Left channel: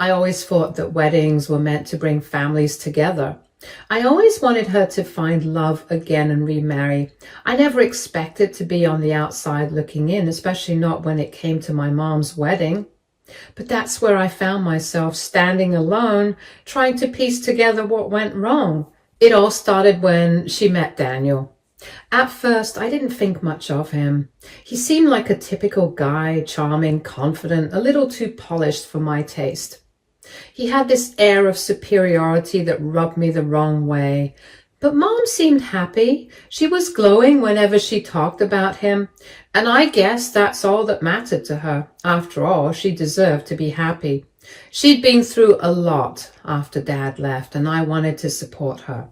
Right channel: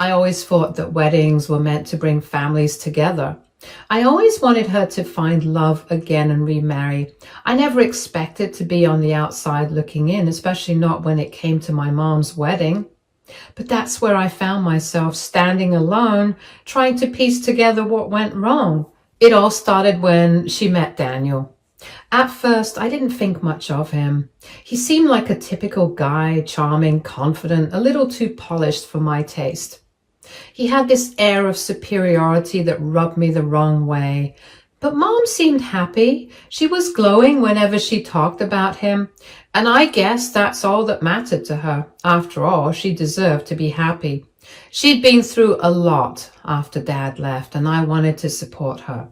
I always thought that weddings were meant to bring families together. I always wanted her to find love again and remarry. I never expected to be on the outside looking in, especially not when it came to my mom's wedding. But that's where I found myself standing alone, trying to piece together what went wrong. It all started when she met Daniel. At first, I didn't think much of him. He seemed like a typical guy, charming, confident, a little too polished for my taste. He had this air of superiority that rubbed me the wrong way. But Mom seemed happy. She was glowing whenever she talked about him, and I guess that's all that mattered to her. After all, she deserved to be happy. She'd been through a lot after Dad left, and I wanted to support her.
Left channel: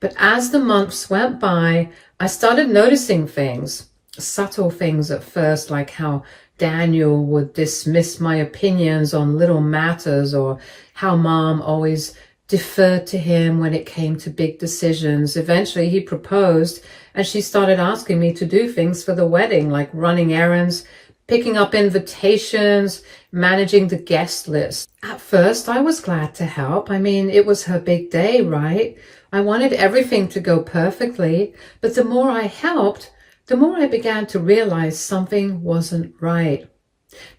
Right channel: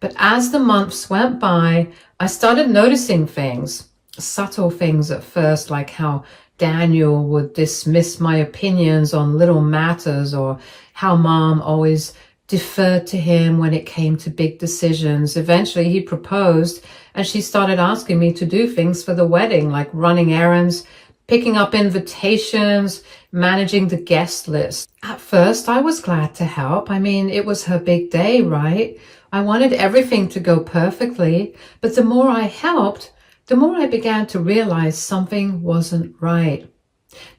But as the months went by, I started noticing things, subtle things at first, like how Daniel would dismiss my opinions on little matters, or how Mom always deferred to him when it came to big decisions. Eventually he proposed and she started asking me to do things for the wedding, like running errands, picking up invitations, managing the guest list. At first I was glad to help. I mean, it was her big day, right? I wanted everything to go perfectly, but the more I helped, the more I began to realize something wasn't right.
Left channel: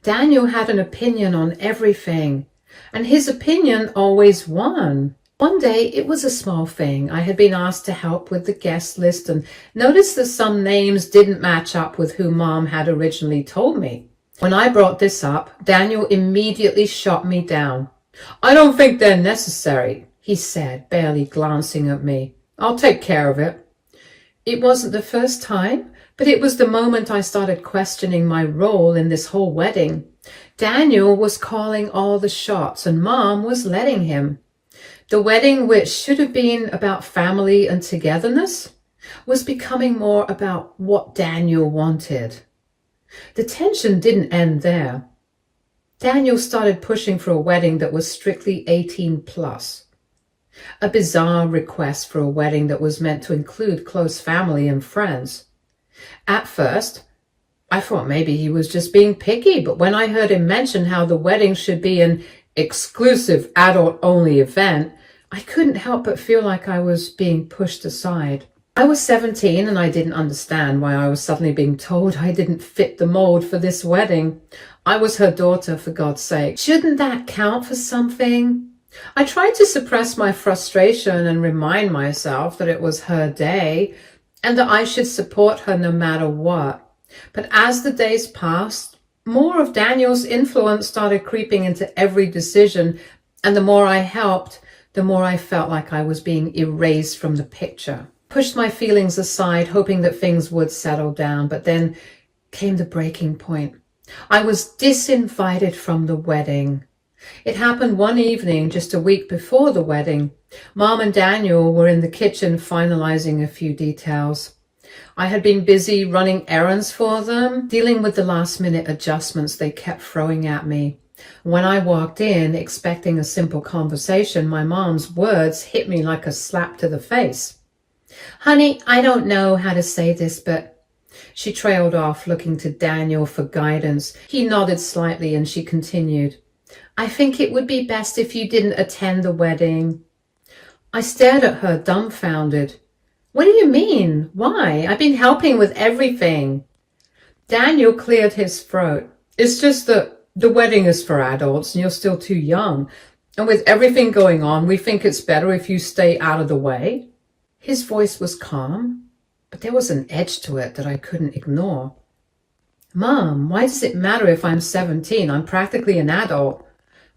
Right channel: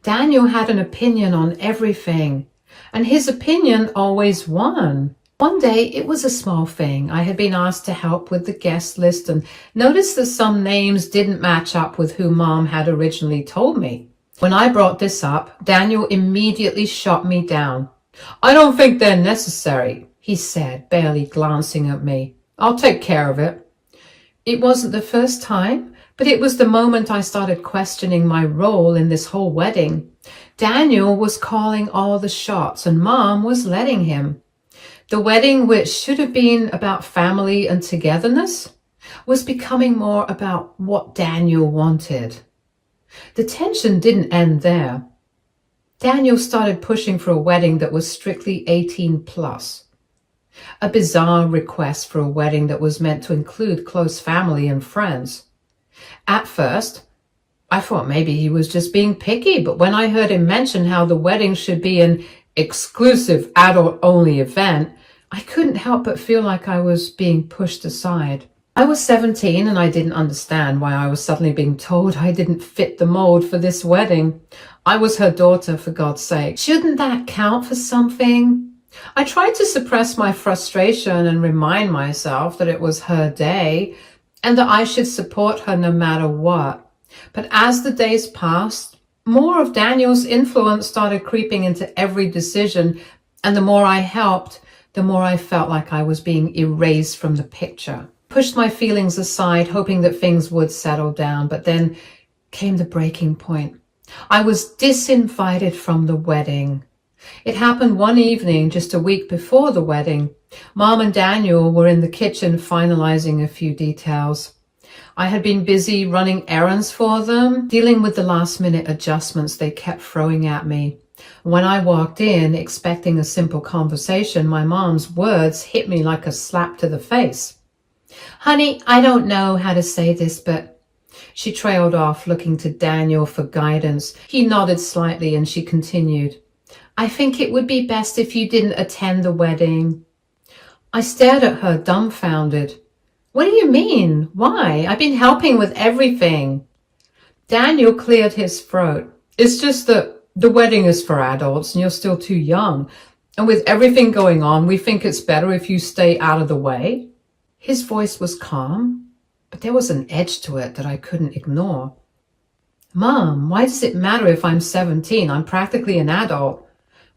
Daniel had an opinion on everything, and his opinion always won. One day, it was a small thing. I had been asked to help with the guest list and noticed that some names didn't match up with who Mom had originally told me. When I brought this up, Daniel immediately shot me down. "I don't think they're necessary," he said, barely glancing at me. "I'll take care of it." It wasn't the first time, but it was the moment I started questioning my role in this whole wedding. Daniel was calling all the shots and Mom was letting him. The wedding, which should have been about family and togetherness, was becoming more about what Daniel wanted. The tension didn't end there. Daniel started pushing for a wedding that was strictly 18 plus. A bizarre request for a wedding that was meant to include close family and friends. At first, I thought maybe he was just being picky, but when I heard him mention how the wedding should be an exclusive adult-only event, I couldn't help but feel like I was being pushed aside. I was 17 and I didn't understand why I was suddenly being told I didn't fit the mold for this wedding. I was her daughter, for God's sake. Shouldn't that count for something? I tried to suppress my frustration and remind myself that it was her day and that I should support her no matter what. But as the days passed, more of Daniel's influence started creeping into every decision, and the more I helped, the more I felt like I was being erased from the picture. Pushed my feelings aside, hoping that things would settle down, but then came the breaking point. I was disinvited from the wedding. It happened one evening just a week before the wedding. Mom and Daniel were in the kitchen finalizing a few details. I had been busy running errands for them, dealing with the last-minute adjustments they kept throwing at me. When I walked in, expecting a simple conversation, my mom's words hit me like a slap to the face. "Honey, I don't know how to say this, but..." She trailed off, looking to Daniel for guidance. He nodded slightly and she continued, "I think it would be best if you didn't attend the wedding." I stared at her, dumbfounded. "What do you mean? Why? I've been helping with everything." Daniel cleared his throat. "It's just that the wedding is for adults and you're still too young. And with everything going on, we think it's better if you stay out of the way." His voice was calm, but there was an edge to it that I couldn't ignore. "Mom, why does it matter if I'm 17? I'm practically an adult."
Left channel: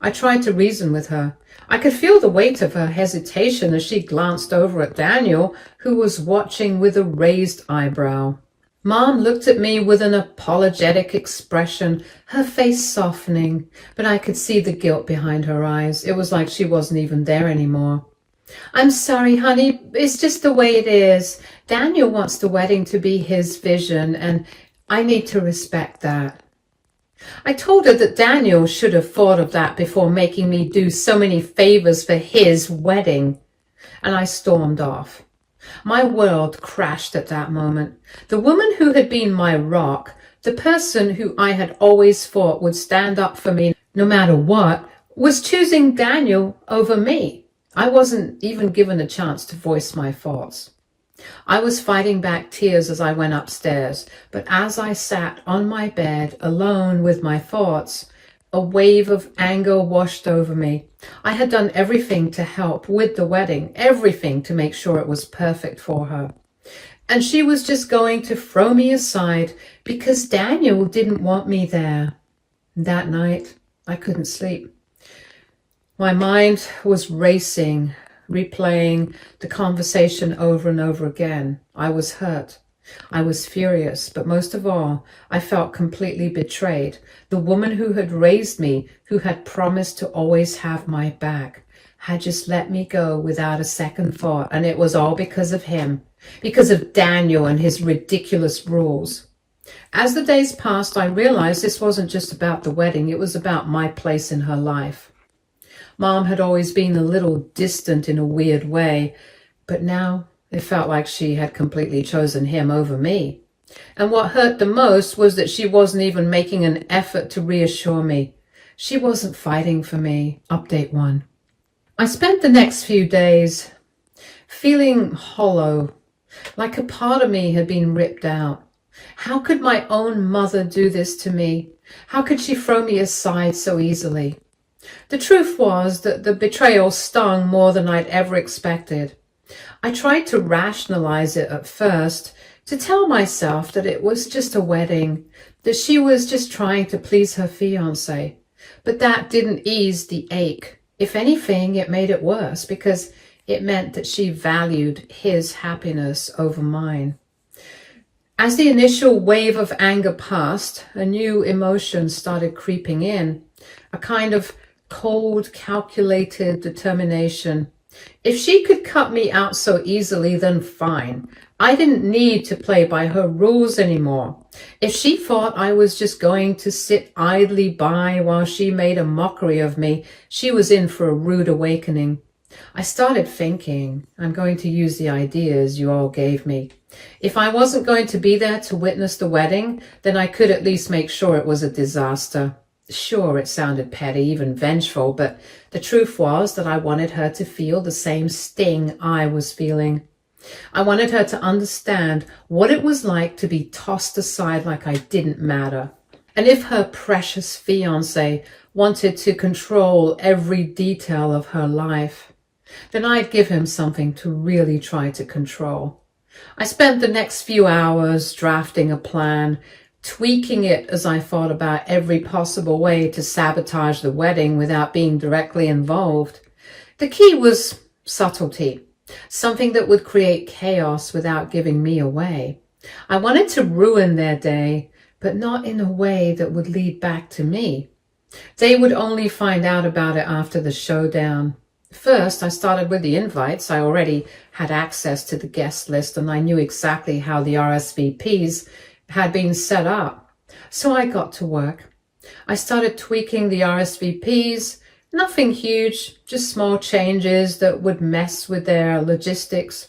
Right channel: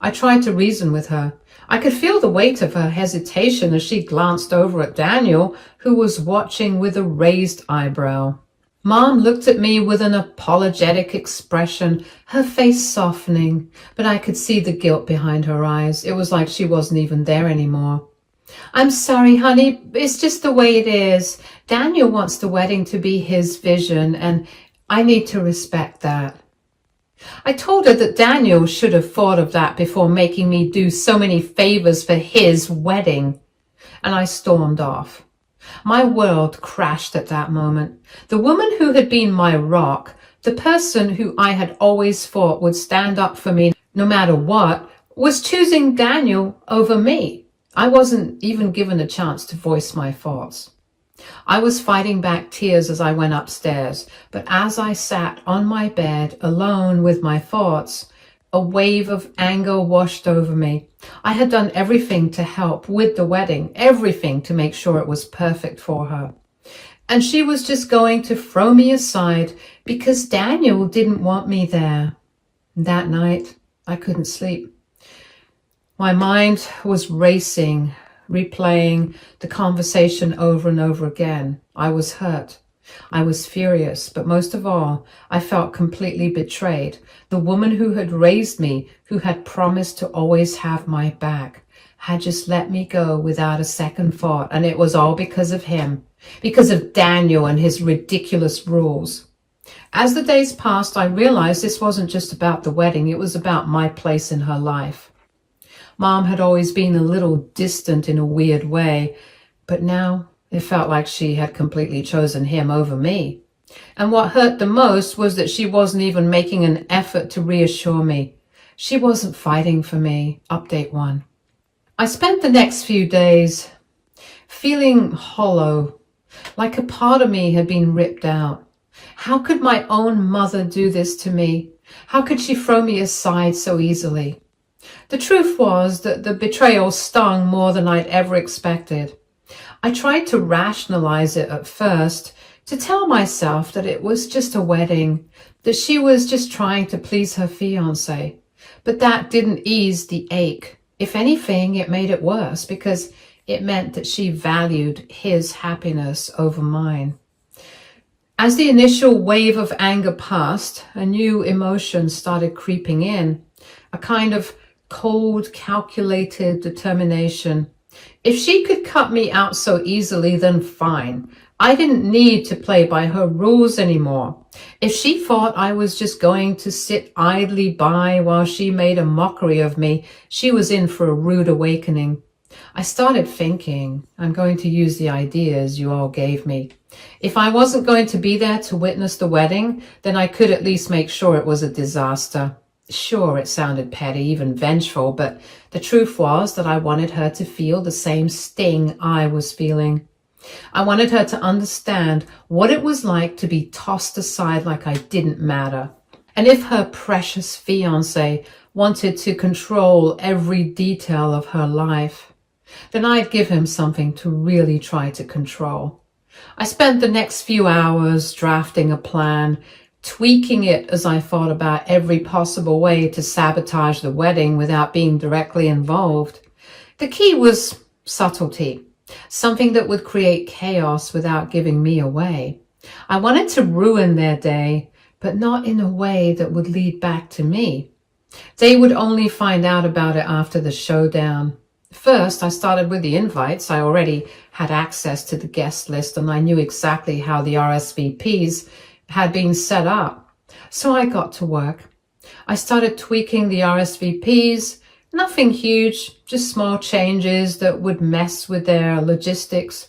I tried to reason with her. I could feel the weight of her hesitation as she glanced over at Daniel, who was watching with a raised eyebrow. Mom looked at me with an apologetic expression, her face softening, but I could see the guilt behind her eyes. It was like she wasn't even there anymore. "I'm sorry, honey. It's just the way it is. Daniel wants the wedding to be his vision, and I need to respect that." I told her that Daniel should have thought of that before making me do so many favors for his wedding, and I stormed off. My world crashed at that moment. The woman who had been my rock, the person who I had always thought would stand up for me no matter what, was choosing Daniel over me. I wasn't even given a chance to voice my thoughts. I was fighting back tears as I went upstairs, but as I sat on my bed alone with my thoughts, a wave of anger washed over me. I had done everything to help with the wedding, everything to make sure it was perfect for her. And she was just going to throw me aside because Daniel didn't want me there. That night, I couldn't sleep. My mind was racing, replaying the conversation over and over again. I was hurt. I was furious, but most of all, I felt completely betrayed. The woman who had raised me, who had promised to always have my back, had just let me go without a second thought, and it was all because of him, because of Daniel and his ridiculous rules. As the days passed, I realized this wasn't just about the wedding, it was about my place in her life. Mom had always been a little distant in a weird way, but now it felt like she had completely chosen him over me. And what hurt the most was that she wasn't even making an effort to reassure me. She wasn't fighting for me. Update 1. I spent the next few days feeling hollow, like a part of me had been ripped out. How could my own mother do this to me? How could she throw me aside so easily? The truth was that the betrayal stung more than I'd ever expected. I tried to rationalize it at first, to tell myself that it was just a wedding, that she was just trying to please her fiancé. But that didn't ease the ache. If anything, it made it worse because it meant that she valued his happiness over mine. As the initial wave of anger passed, a new emotion started creeping in, a kind of cold, calculated determination. If she could cut me out so easily, then fine. I didn't need to play by her rules anymore. If she thought I was just going to sit idly by while she made a mockery of me, she was in for a rude awakening. I started thinking, I'm going to use the ideas you all gave me. If I wasn't going to be there to witness the wedding, then I could at least make sure it was a disaster. Sure, it sounded petty, even vengeful, but the truth was that I wanted her to feel the same sting I was feeling. I wanted her to understand what it was like to be tossed aside like I didn't matter. And if her precious fiancé wanted to control every detail of her life, then I'd give him something to really try to control. I spent the next few hours drafting a plan, tweaking it as I thought about every possible way to sabotage the wedding without being directly involved. The key was subtlety, something that would create chaos without giving me away. I wanted to ruin their day, but not in a way that would lead back to me. They would only find out about it after the showdown. First, I started with the invites. I already had access to the guest list and I knew exactly how the RSVPs had been set up. So I got to work. I started tweaking the RSVPs, nothing huge, just small changes that would mess with their logistics.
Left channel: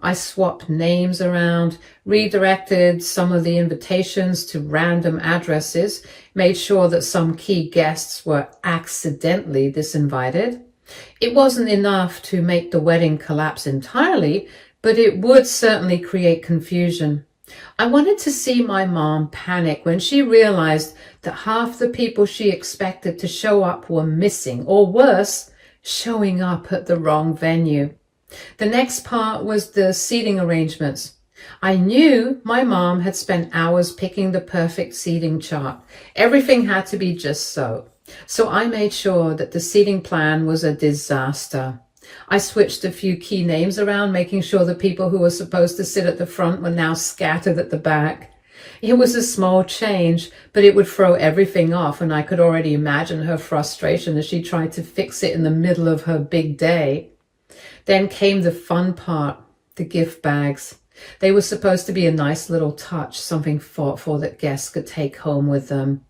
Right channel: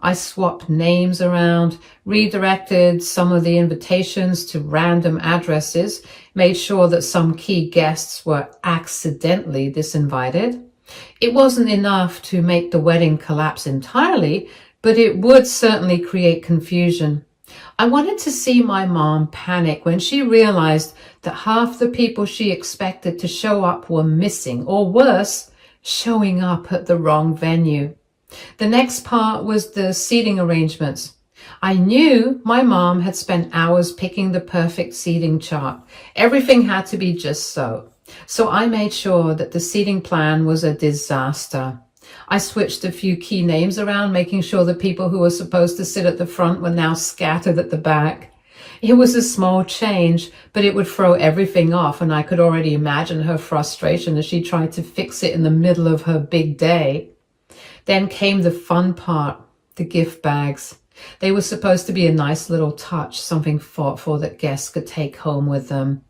I swapped names around, redirected some of the invitations to random addresses, made sure that some key guests were accidentally disinvited. It wasn't enough to make the wedding collapse entirely, but it would certainly create confusion. I wanted to see my mom panic when she realized that half the people she expected to show up were missing, or worse, showing up at the wrong venue. The next part was the seating arrangements. I knew my mom had spent hours picking the perfect seating chart. Everything had to be just so. So I made sure that the seating plan was a disaster. I switched a few key names around, making sure the people who were supposed to sit at the front were now scattered at the back. It was a small change, but it would throw everything off, and I could already imagine her frustration as she tried to fix it in the middle of her big day. Then came the fun part, the gift bags. They were supposed to be a nice little touch, something thoughtful that guests could take home with them.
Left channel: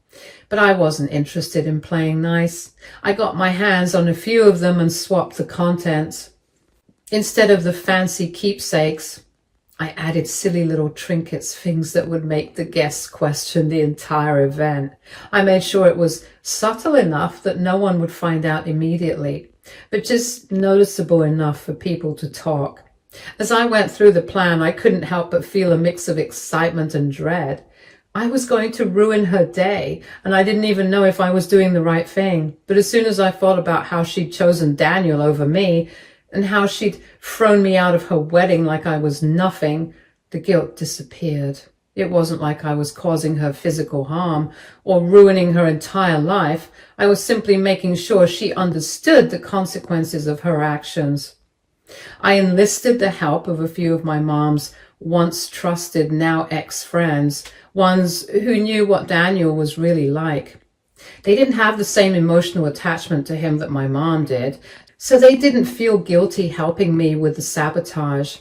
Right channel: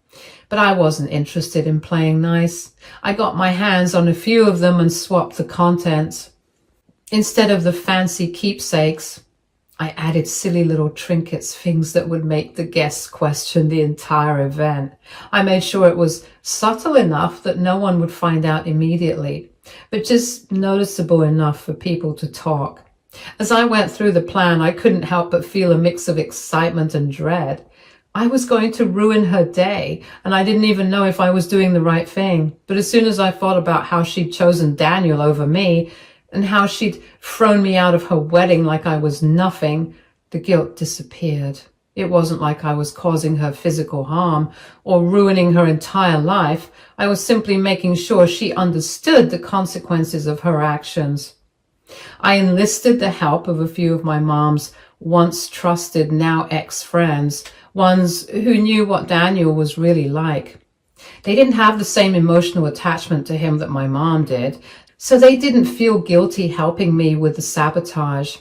But I wasn't interested in playing nice. I got my hands on a few of them and swapped the contents. Instead of the fancy keepsakes, I added silly little trinkets, things that would make the guests question the entire event. I made sure it was subtle enough that no one would find out immediately, but just noticeable enough for people to talk. As I went through the plan, I couldn't help but feel a mix of excitement and dread. I was going to ruin her day, and I didn't even know if I was doing the right thing. But as soon as I thought about how she'd chosen Daniel over me, and how she'd thrown me out of her wedding like I was nothing, the guilt disappeared. It wasn't like I was causing her physical harm or ruining her entire life. I was simply making sure she understood the consequences of her actions. I enlisted the help of a few of my mom's once trusted, now ex-friends, ones who knew what Daniel was really like. They didn't have the same emotional attachment to him that my mom did, so they didn't feel guilty helping me with the sabotage.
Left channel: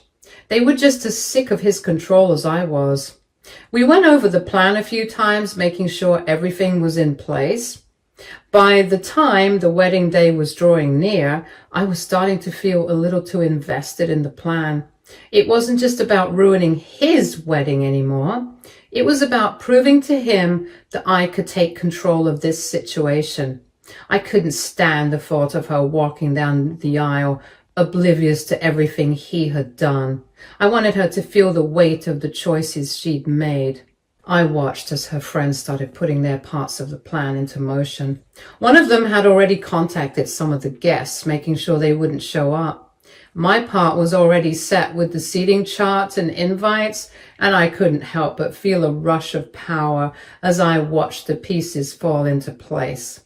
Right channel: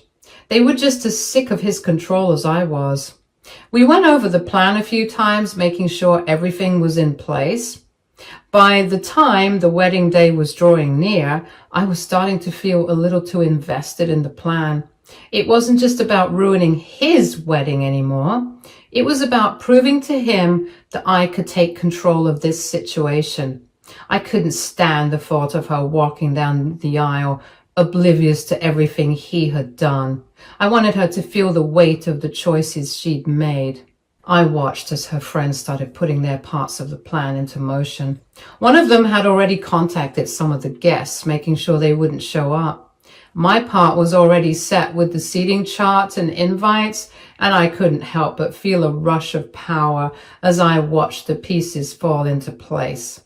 They were just as sick of his control as I was. We went over the plan a few times, making sure everything was in place. By the time the wedding day was drawing near, I was starting to feel a little too invested in the plan. It wasn't just about ruining his wedding anymore. It was about proving to him that I could take control of this situation. I couldn't stand the thought of her walking down the aisle, oblivious to everything he had done. I wanted her to feel the weight of the choices she'd made. I watched as her friends started putting their parts of the plan into motion. One of them had already contacted some of the guests, making sure they wouldn't show up. My part was already set with the seating chart and invites, and I couldn't help but feel a rush of power as I watched the pieces fall into place.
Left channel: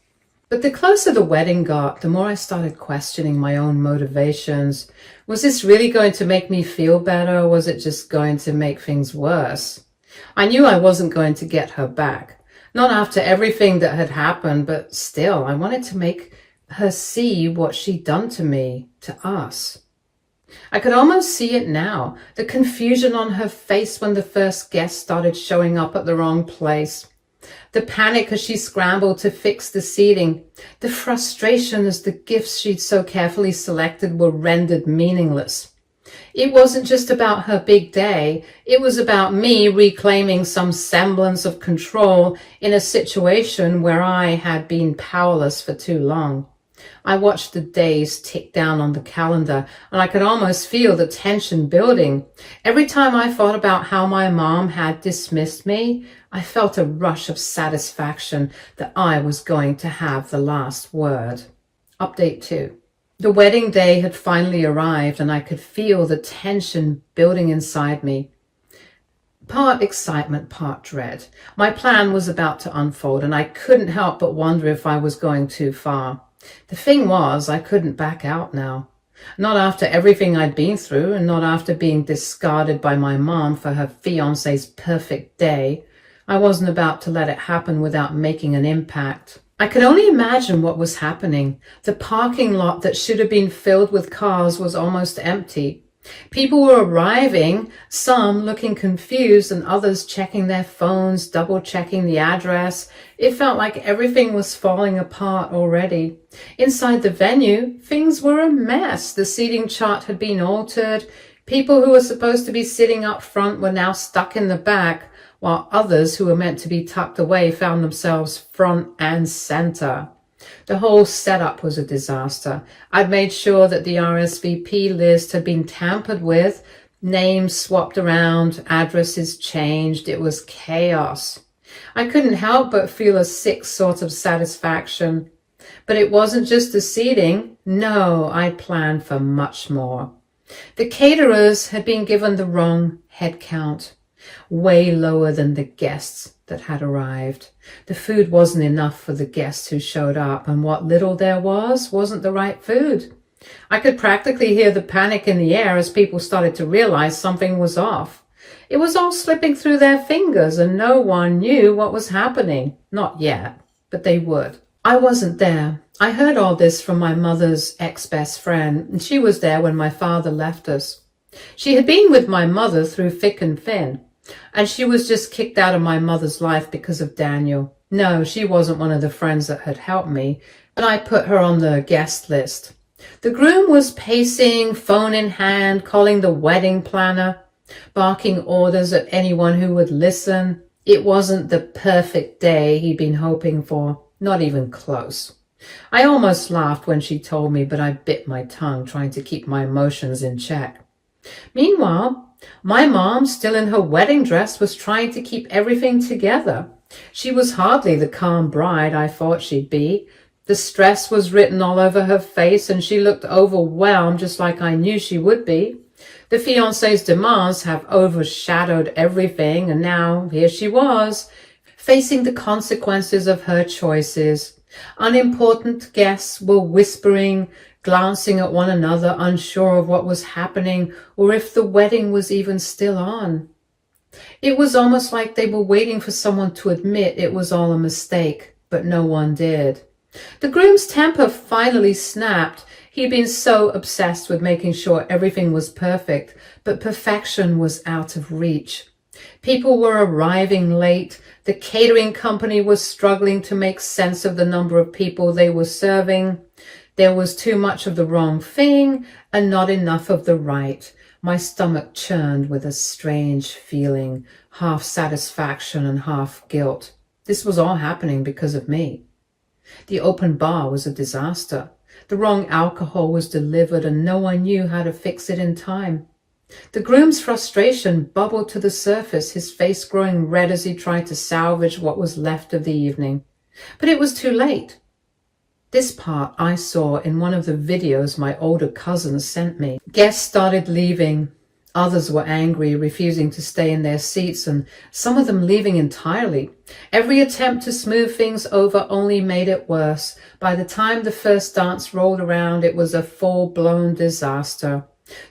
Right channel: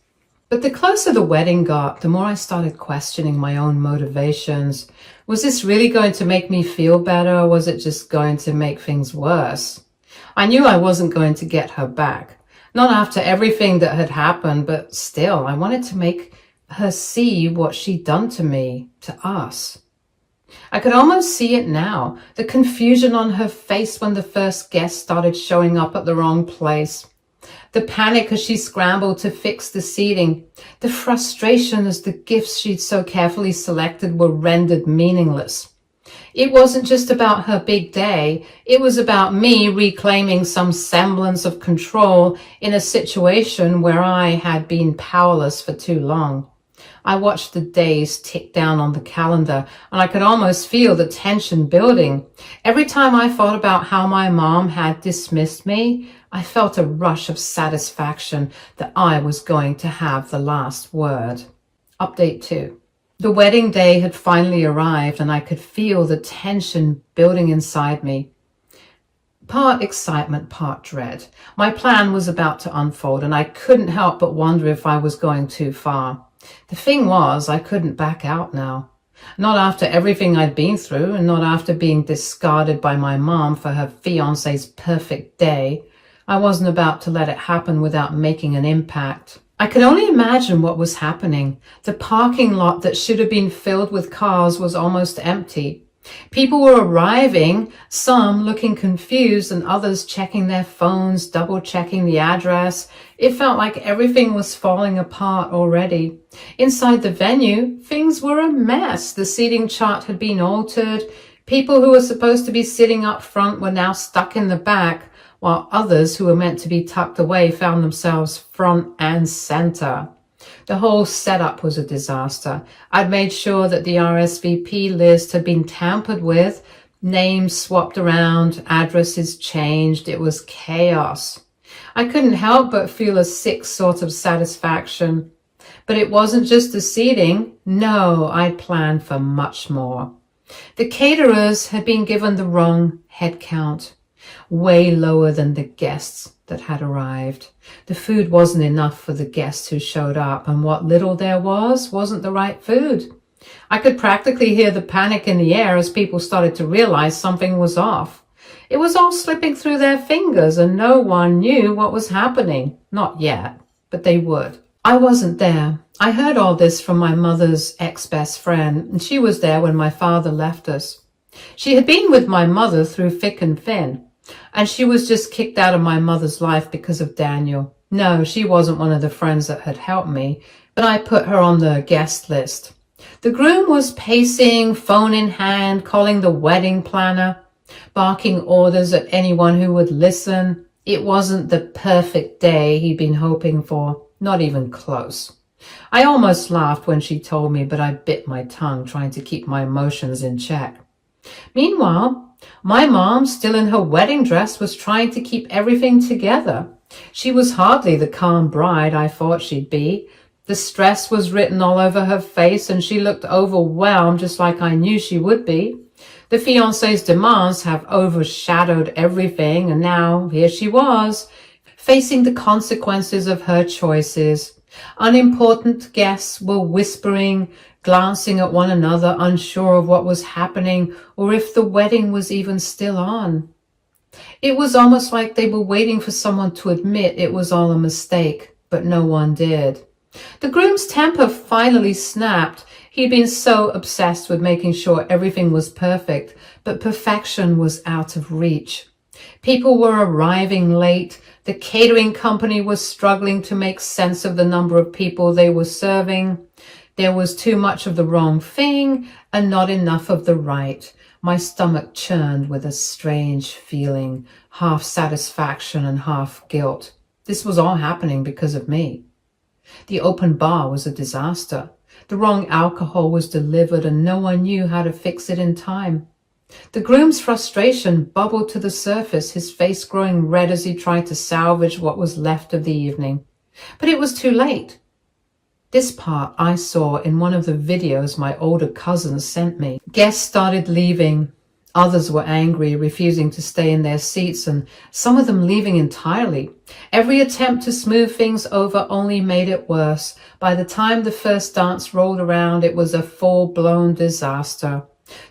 But the closer the wedding got, the more I started questioning my own motivations. Was this really going to make me feel better, or was it just going to make things worse? I knew I wasn't going to get her back. Not after everything that had happened, but still, I wanted to make her see what she'd done to me, to us. I could almost see it now, the confusion on her face when the first guest started showing up at the wrong place. The panic as she scrambled to fix the seating. The frustration as the gifts she'd so carefully selected were rendered meaningless. It wasn't just about her big day. It was about me reclaiming some semblance of control in a situation where I had been powerless for too long. I watched the days tick down on the calendar, and I could almost feel the tension building. Every time I thought about how my mom had dismissed me, I felt a rush of satisfaction that I was going to have the last word. Update 2. The wedding day had finally arrived, and I could feel the tension building inside me. Part excitement, part dread. My plan was about to unfold, and I couldn't help but wonder if I was going too far. The thing was, I couldn't back out now. Not after everything I'd been through, and not after being discarded by my mom for her fiancé's perfect day. I wasn't about to let it happen without making an impact. I could only imagine what was happening. The parking lot that should have been filled with cars was almost empty. People were arriving, some looking confused and others checking their phones, double-checking the address. It felt like everything was falling apart already. Inside the venue, things were a mess. The seating chart had been altered. People who were supposed to be sitting up front were now stuck in the back, while others who were meant to be tucked away found themselves front and center. The whole setup was a disaster. I'd made sure that the RSVP list had been tampered with, names swapped around, addresses changed. It was chaos. I couldn't help but feel a sick sort of satisfaction. But it wasn't just the seating. No, I'd planned for much more. The caterers had been given the wrong head count, way lower than the guests that had arrived. The food wasn't enough for the guests who showed up, and what little there wasn't the right food. I could practically hear the panic in the air as people started to realize something was off. It was all slipping through their fingers, and no one knew what was happening. Not yet, but they would. I wasn't there. I heard all this from my mother's ex-best friend, and she was there when my father left us. She had been with my mother through thick and thin, and she was just kicked out of my mother's life because of Daniel. No, she wasn't one of the friends that had helped me, but I put her on the guest list. The groom was pacing, phone in hand, calling the wedding planner. barking orders at anyone who would listen. It wasn't the perfect day he'd been hoping for, not even close. I almost laughed when she told me, but I bit my tongue trying to keep my emotions in check. Meanwhile, my mom, still in her wedding dress, was trying to keep everything together. She was hardly the calm bride I thought she'd be. The stress was written all over her face, and she looked overwhelmed, just like I knew she would be. The fiancé's demands have overshadowed everything, and now here she was, facing the consequences of her choices. Unimportant guests were whispering, glancing at one another, unsure of what was happening or if the wedding was even still on. It was almost like they were waiting for someone to admit it was all a mistake, but no one did. The groom's temper finally snapped. He'd been so obsessed with making sure everything was perfect, but perfection was out of reach. People were arriving late. The catering company was struggling to make sense of the number of people they were serving. There was too much of the wrong thing and not enough of the right. My stomach churned with a strange feeling, half satisfaction and half guilt. This was all happening because of me. The open bar was a disaster. The wrong alcohol was delivered and no one knew how to fix it in time. The groom's frustration bubbled to the surface, his face growing red as he tried to salvage what was left of the evening. But it was too late. This part I saw in one of the videos my older cousins sent me. Guests started leaving. Others were angry, refusing to stay in their seats, and some of them leaving entirely. Every attempt to smooth things over only made it worse. By the time the first dance rolled around, it was a full-blown disaster.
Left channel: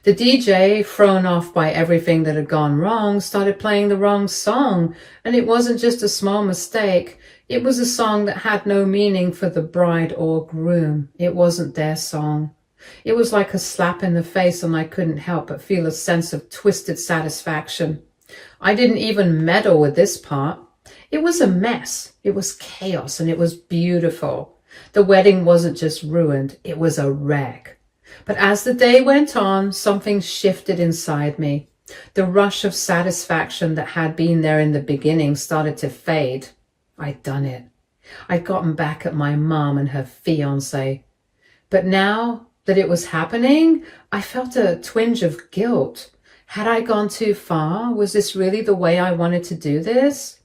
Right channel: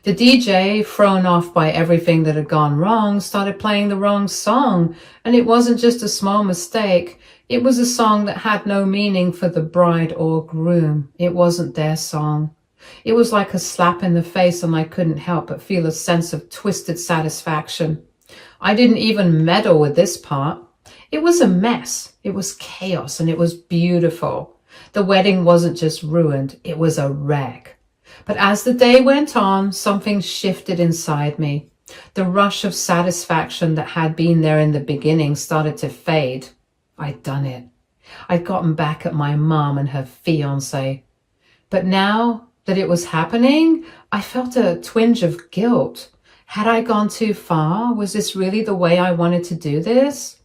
The DJ, thrown off by everything that had gone wrong, started playing the wrong song, and it wasn't just a small mistake. It was a song that had no meaning for the bride or groom. It wasn't their song. It was like a slap in the face, and I couldn't help but feel a sense of twisted satisfaction. I didn't even meddle with this part. It was a mess. It was chaos, and it was beautiful. The wedding wasn't just ruined, it was a wreck. But as the day went on, something shifted inside me. The rush of satisfaction that had been there in the beginning started to fade. I'd done it. I'd gotten back at my mom and her fiancé. But now that it was happening, I felt a twinge of guilt. Had I gone too far? Was this really the way I wanted to do this?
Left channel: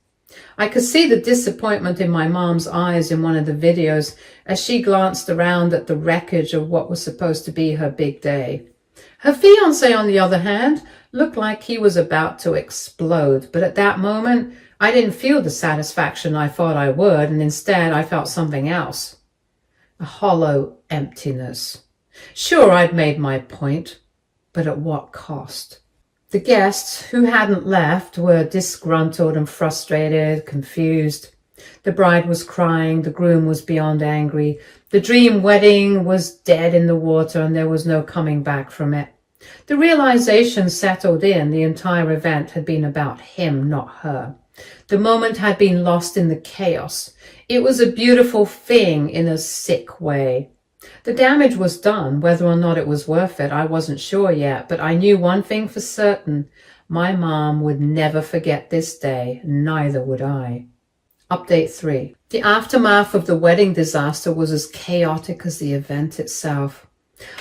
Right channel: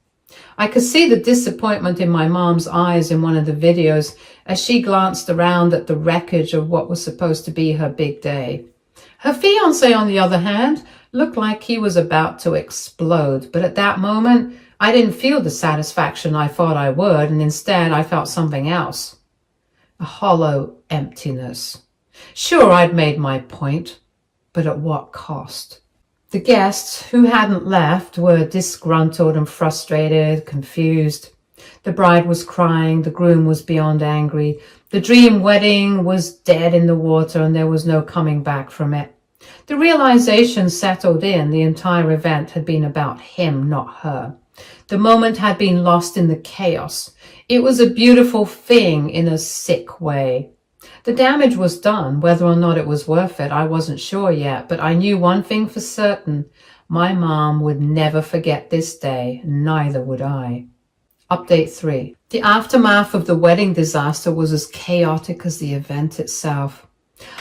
I could see the disappointment in my mom's eyes in one of the videos as she glanced around at the wreckage of what was supposed to be her big day. Her fiancé, on the other hand, looked like he was about to explode, but at that moment, I didn't feel the satisfaction I thought I would, and instead I felt something else. A hollow emptiness. Sure, I'd made my point, but at what cost? The guests, who hadn't left, were disgruntled and frustrated, confused. The bride was crying, the groom was beyond angry. The dream wedding was dead in the water, and there was no coming back from it. The realization settled in. The entire event had been about him, not her. The moment had been lost in the chaos. It was a beautiful thing in a sick way. The damage was done. Whether or not it was worth it, I wasn't sure yet, but I knew one thing for certain. My mom would never forget this day, neither would I. Update 3. The aftermath of the wedding disaster was as chaotic as the event itself.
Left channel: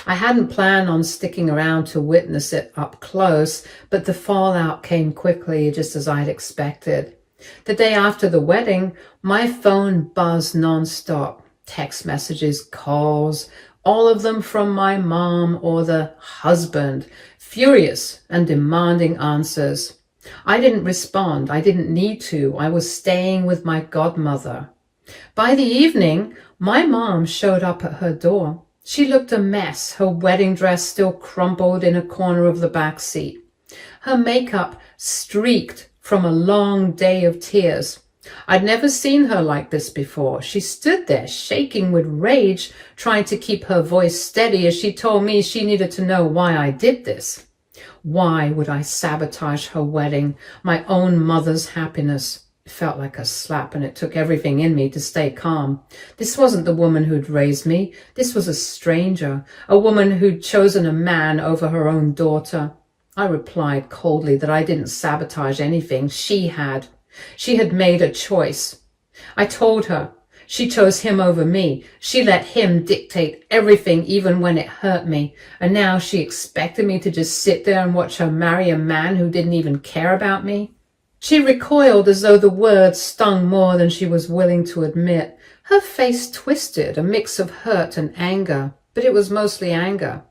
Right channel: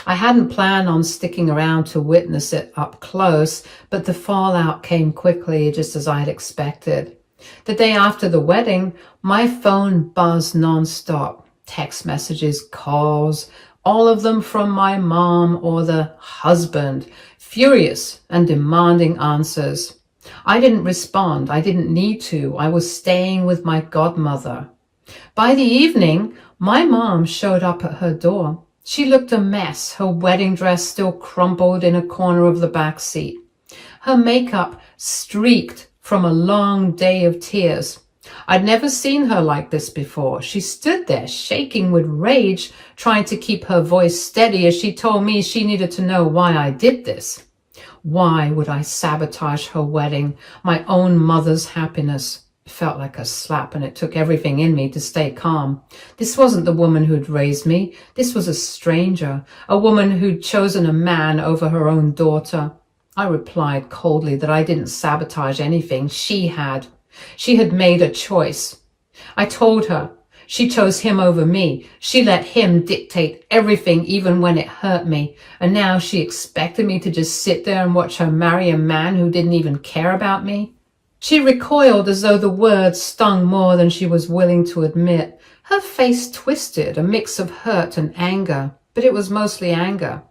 I hadn't planned on sticking around to witness it up close, but the fallout came quickly, just as I'd expected. The day after the wedding, my phone buzzed non-stop. Text messages, calls, all of them from my mom or the husband, furious and demanding answers. I didn't respond. I didn't need to. I was staying with my godmother. By the evening, my mom showed up at her door. She looked a mess, her wedding dress still crumpled in a corner of the back seat. Her makeup streaked from a long day of tears. I'd never seen her like this before. She stood there shaking with rage, trying to keep her voice steady as she told me she needed to know why I did this. Why would I sabotage her wedding, my own mother's happiness? It felt like a slap, and it took everything in me to stay calm. This wasn't the woman who'd raised me. This was a stranger, a woman who'd chosen a man over her own daughter. I replied coldly that I didn't sabotage anything. She had. She had made a choice. I told her she chose him over me. She let him dictate everything, even when it hurt me. And now she expected me to just sit there and watch her marry a man who didn't even care about me. She recoiled as though the words stung more than she was willing to admit. Her face twisted, a mix of hurt and anger, but it was mostly anger.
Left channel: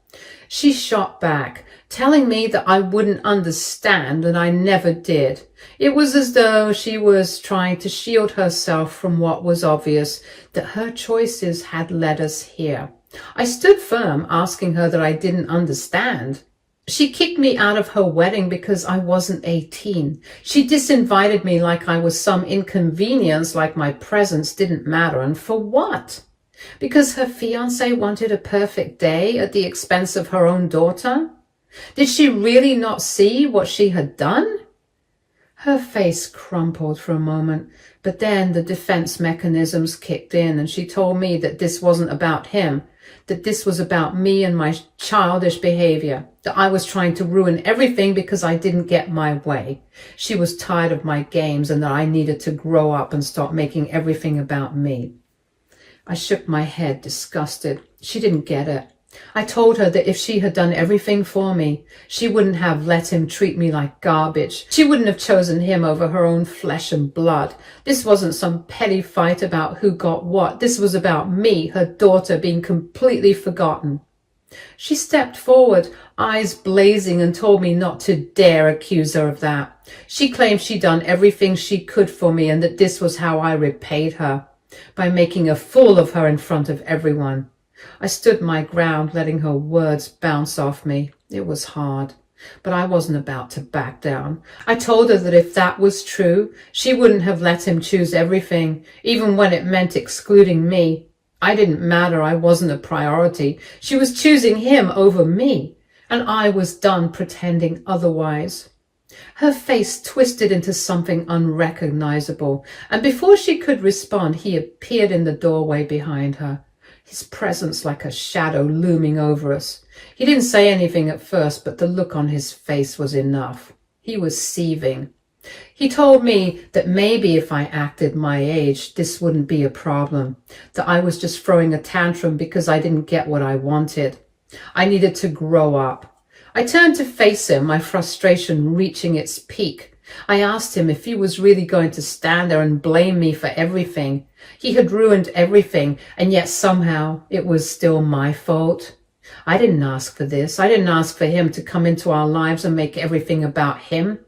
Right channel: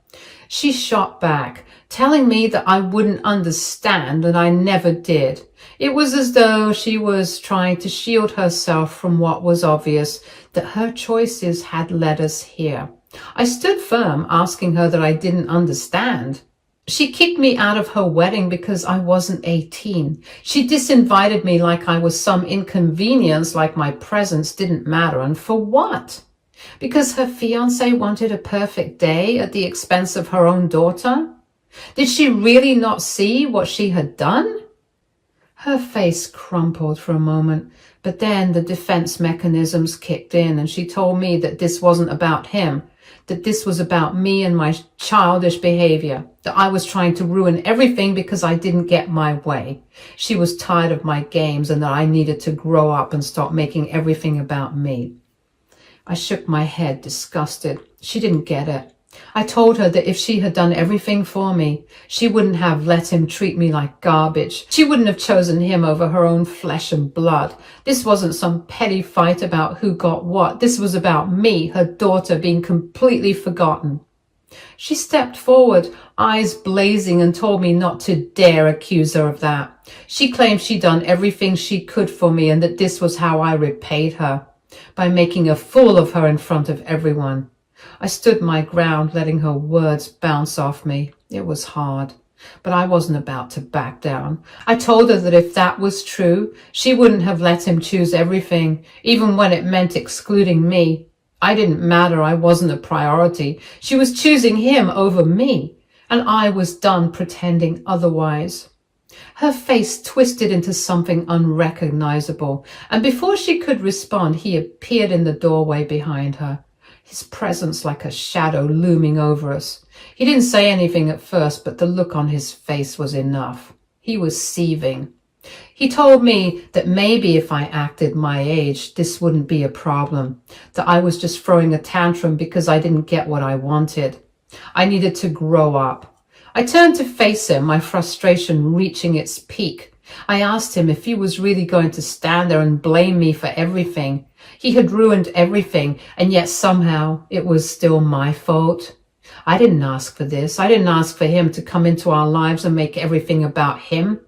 She shot back, telling me that I wouldn't understand, and I never did. It was as though she was trying to shield herself from what was obvious, that her choices had led us here. I stood firm, asking her that I didn't understand. She kicked me out of her wedding because I wasn't 18. She disinvited me like I was some inconvenience, like my presence didn't matter. And for what? Because her fiancé wanted a perfect day at the expense of her own daughter? Did she really not see what she had done? Her face crumpled for a moment, but then the defense mechanisms kicked in and she told me that this wasn't about him, that this was about me and my childish behavior, that I was trying to ruin everything because I didn't get my way. She was tired of my games and that I needed to grow up and stop making everything about me. I shook my head, disgusted. She didn't get it. I told her that if she had done everything for me, she wouldn't have let him treat me like garbage. She wouldn't have chosen him over her own flesh and blood. This wasn't some petty fight about who got what. This was about me, her daughter, being completely forgotten. She stepped forward, eyes blazing, and told me not to dare accuse her of that. She claimed she'd done everything she could for me and that this was how I repaid her, by making a fool of her in front of everyone. I stood my ground, letting her words bounce off me. It was hard, but I wasn't about to back down. I told her that if that was true, she wouldn't have let him choose everything, even when it meant excluding me. I didn't matter. I wasn't a priority. She was choosing him over me, and I was done pretending otherwise. Her face twisted into something unrecognizable, and before she could respond, he appeared in the doorway behind her, his presence like a shadow looming over us. He didn't say anything at first, but the look on his face was enough. He was seething. He told me that maybe if I acted my age, this wouldn't be a problem, that I was just throwing a tantrum because I didn't get what I wanted. I needed to grow up. I turned to face him, my frustration reaching its peak. I asked him if he was really going to stand there and blame me for everything. He had ruined everything, and yet somehow it was still my fault. I didn't ask for this. I didn't ask for him to come into our lives and make everything about him.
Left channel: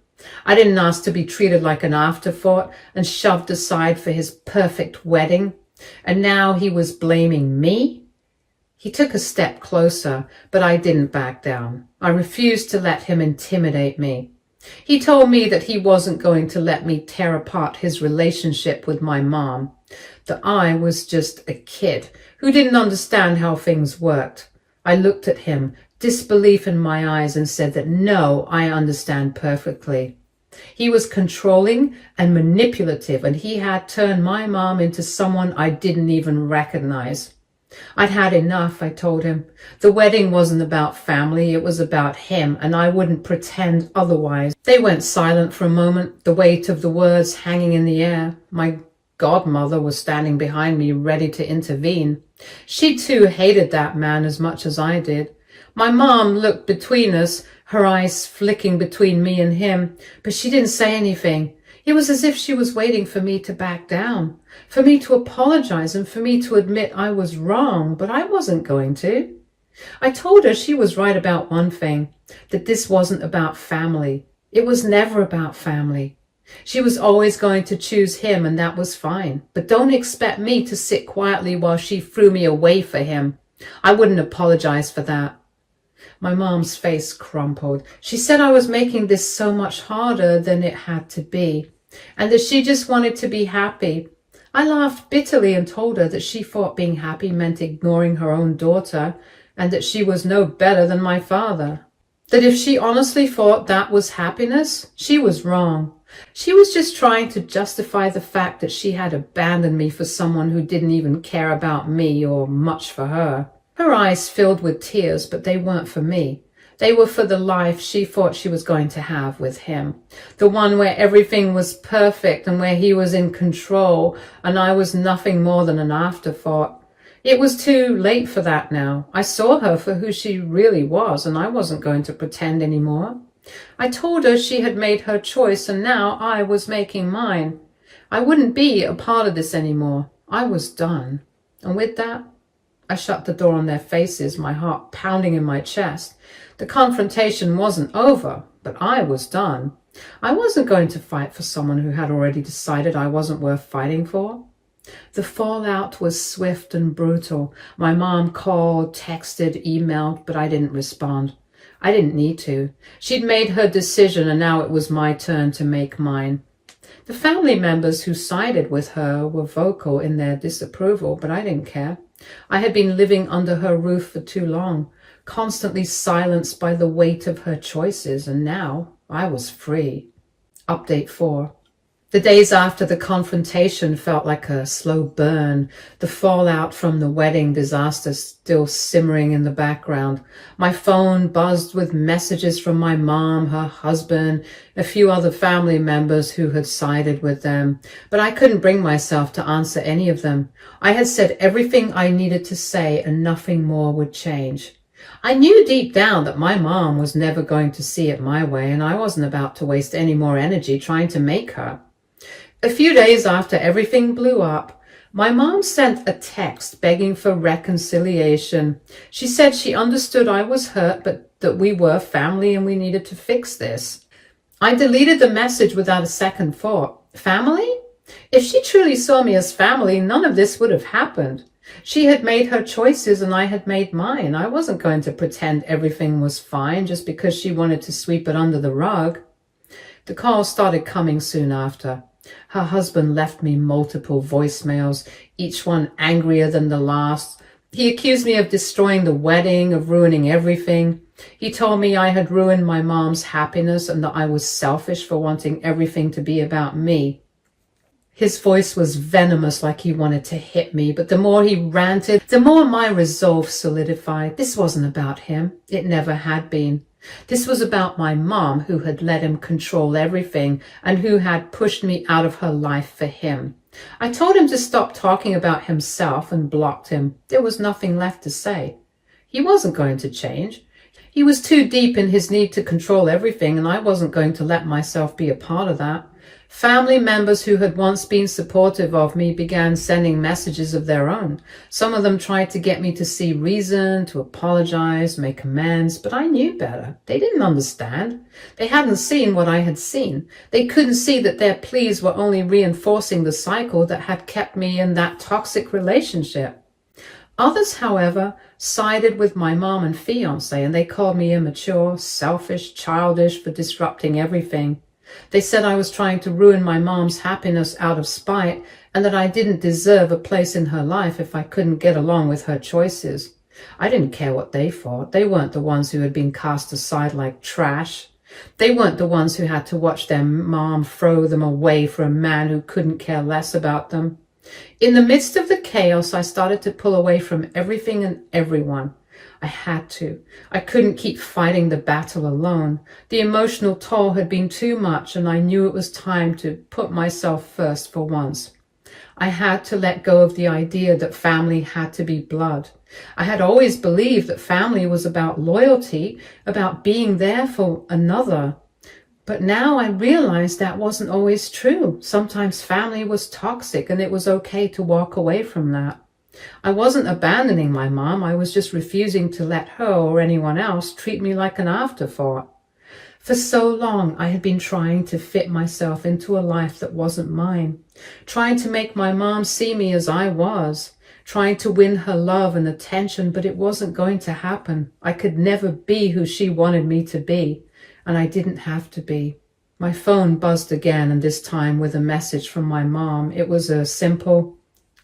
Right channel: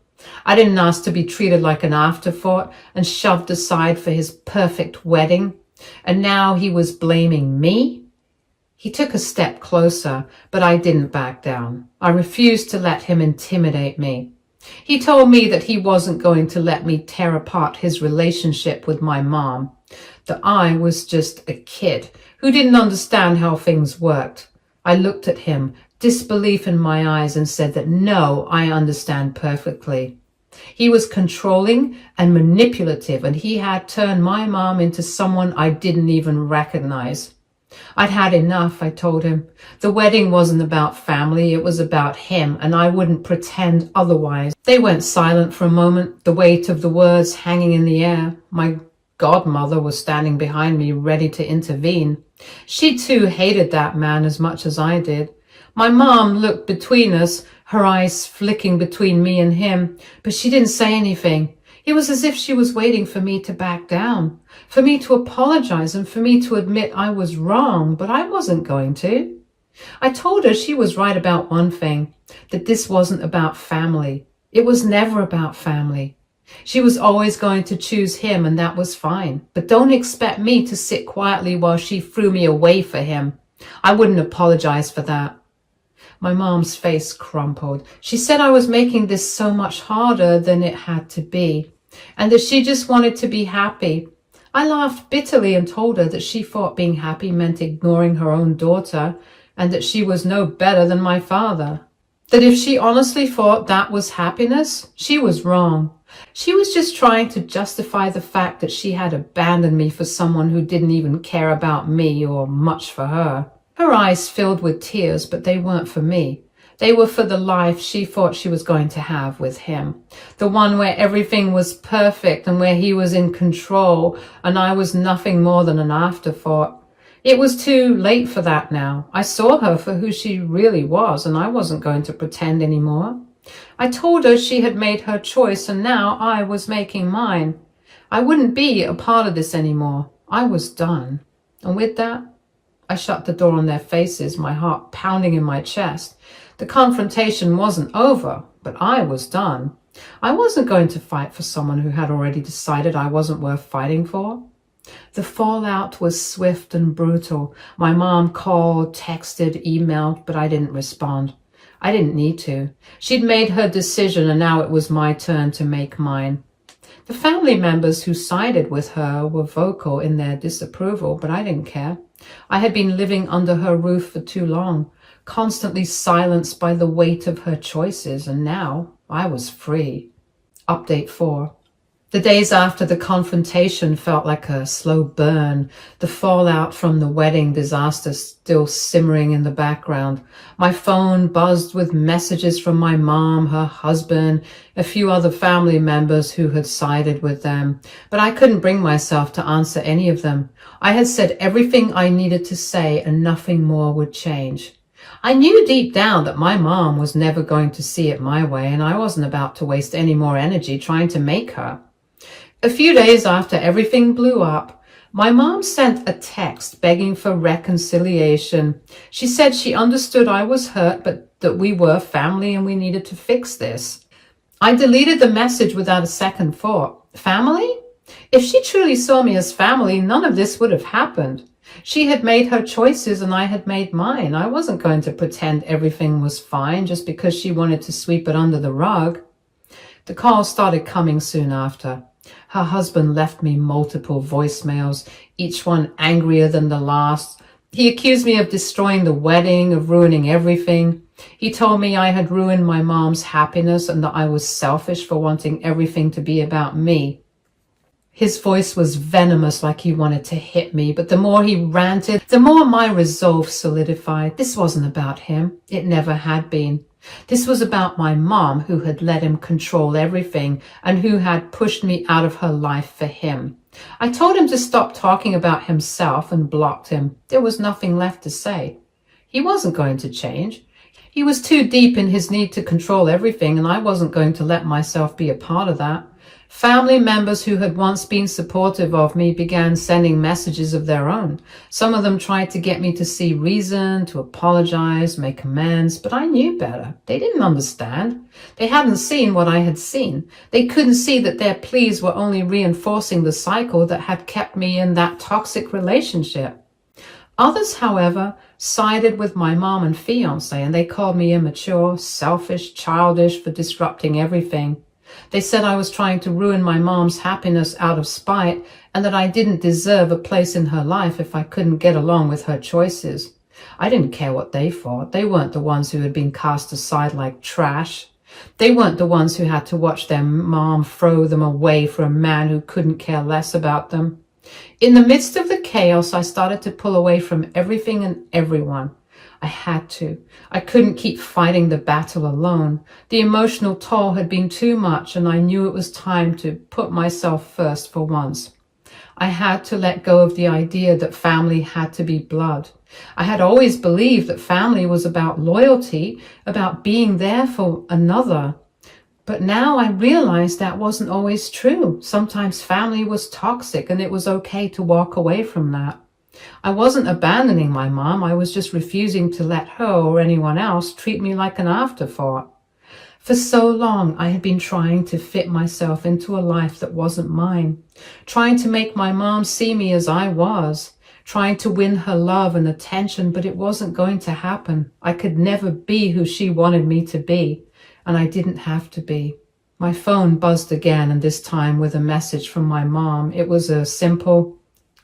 I didn't ask to be treated like an afterthought and shoved aside for his perfect wedding. And now he was blaming me? He took a step closer, but I didn't back down. I refused to let him intimidate me. He told me that he wasn't going to let me tear apart his relationship with my mom, that I was just a kid who didn't understand how things worked. I looked at him, disbelief in my eyes, and said that no, I understand perfectly. He was controlling and manipulative, and he had turned my mom into someone I didn't even recognize. I'd had enough, I told him. The wedding wasn't about family, it was about him, and I wouldn't pretend otherwise. They went silent for a moment, the weight of the words hanging in the air. My godmother was standing behind me, ready to intervene. She too hated that man as much as I did. My mom looked between us, her eyes flicking between me and him, but she didn't say anything. It was as if she was waiting for me to back down, for me to apologize and for me to admit I was wrong, but I wasn't going to. I told her she was right about one thing, that this wasn't about family. It was never about family. She was always going to choose him, and that was fine. But don't expect me to sit quietly while she threw me away for him. I wouldn't apologize for that. My mom's face crumpled. She said I was making this so much harder than it had to be, and that she just wanted to be happy. I laughed bitterly and told her that she thought being happy meant ignoring her own daughter, and that she was no better than my father. That if she honestly thought that was happiness, she was wrong. She was just trying to justify the fact that she had abandoned me for someone who didn't even care about me or much for her. Her eyes filled with tears, but they weren't for me. They were for the life she thought she was going to have with him. The one where everything was perfect and where he was in control and I was nothing more than an afterthought. It was too late for that now. I saw her for who she really was and I wasn't going to pretend anymore. I told her she had made her choice and now I was making mine. I wouldn't be a part of this anymore. I was done. And with that, I shut the door on their faces, my heart pounding in my chest. The confrontation wasn't over, but I was done. I wasn't going to fight for someone who had already decided I wasn't worth fighting for. The fallout was swift and brutal. My mom called, texted, emailed, but I didn't respond. I didn't need to. She'd made her decision and now it was my turn to make mine. The family members who sided with her were vocal in their disapproval, but I didn't care. I had been living under her roof for too long, constantly silenced by the weight of her choices, and now I was free. Update 4. The days after the confrontation felt like a slow burn, the fallout from the wedding disaster still simmering in the background. My phone buzzed with messages from my mom, her husband, a few other family members who had sided with them, but I couldn't bring myself to answer any of them. I had said everything I needed to say and nothing more would change. I knew deep down that my mom was never going to see it my way, and I wasn't about to waste any more energy trying to make her. A few days after everything blew up, my mom sent a text begging for reconciliation. She said she understood I was hurt, but that we were family and we needed to fix this. I deleted the message without a second thought. Family? If she truly saw me as family, none of this would have happened. She had made her choices and I had made mine. I wasn't going to pretend everything was fine just because she wanted to sweep it under the rug. The calls started coming soon after. Her husband left me multiple voicemails, each one angrier than the last. He accused me of destroying the wedding, of ruining everything. He told me I had ruined my mom's happiness and that I was selfish for wanting everything to be about me. His voice was venomous, like he wanted to hit me, but the more he ranted, the more my resolve solidified. This wasn't about him. It never had been. This was about my mom, who had let him control everything and who had pushed me out of her life for him. I told him to stop talking about himself and blocked him. There was nothing left to say. He wasn't going to change. He was too deep in his need to control everything, and I wasn't going to let myself be a part of that. Family members who had once been supportive of me began sending messages of their own. Some of them tried to get me to see reason, to apologize, make amends, but I knew better. They didn't understand. They hadn't seen what I had seen. They couldn't see that their pleas were only reinforcing the cycle that had kept me in that toxic relationship. Others, however, sided with my mom and fiance, and they called me immature, selfish, childish for disrupting everything. They said I was trying to ruin my mom's happiness out of spite and that I didn't deserve a place in her life if I couldn't get along with her choices. I didn't care what they thought. They weren't the ones who had been cast aside like trash. They weren't the ones who had to watch their mom throw them away for a man who couldn't care less about them. In the midst of the chaos, I started to pull away from everything and everyone. I had to. I couldn't keep fighting the battle alone. The emotional toll had been too much, and I knew it was time to put myself first for once. I had to let go of the idea that family had to be blood. I had always believed that family was about loyalty, about being there for another. But now I realized that wasn't always true. Sometimes family was toxic, and it was okay to walk away from that. I wasn't abandoning my mom. I was just refusing to let her or anyone else treat me like an afterthought. For so long, I had been trying to fit myself into a life that wasn't mine, trying to make my mom see me as I was, trying to win her love and attention, but it wasn't going to happen. I could never be who she wanted me to be, and I didn't have to be. My phone buzzed again, and this time with a message from my mom. It was a simple,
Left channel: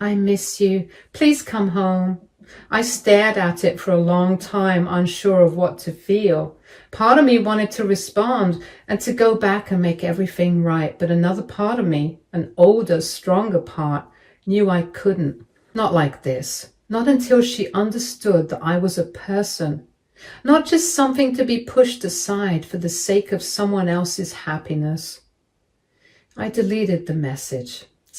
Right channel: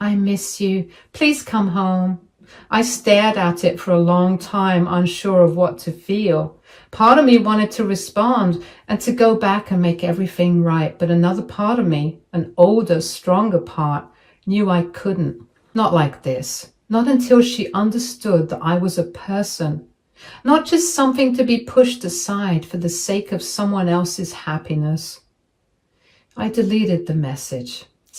"I miss you. Please come home." I stared at it for a long time, unsure of what to feel. Part of me wanted to respond and to go back and make everything right, but another part of me, an older, stronger part, knew I couldn't. Not like this. Not until she understood that I was a person. not just something to be pushed aside for the sake of someone else's happiness. I deleted the message.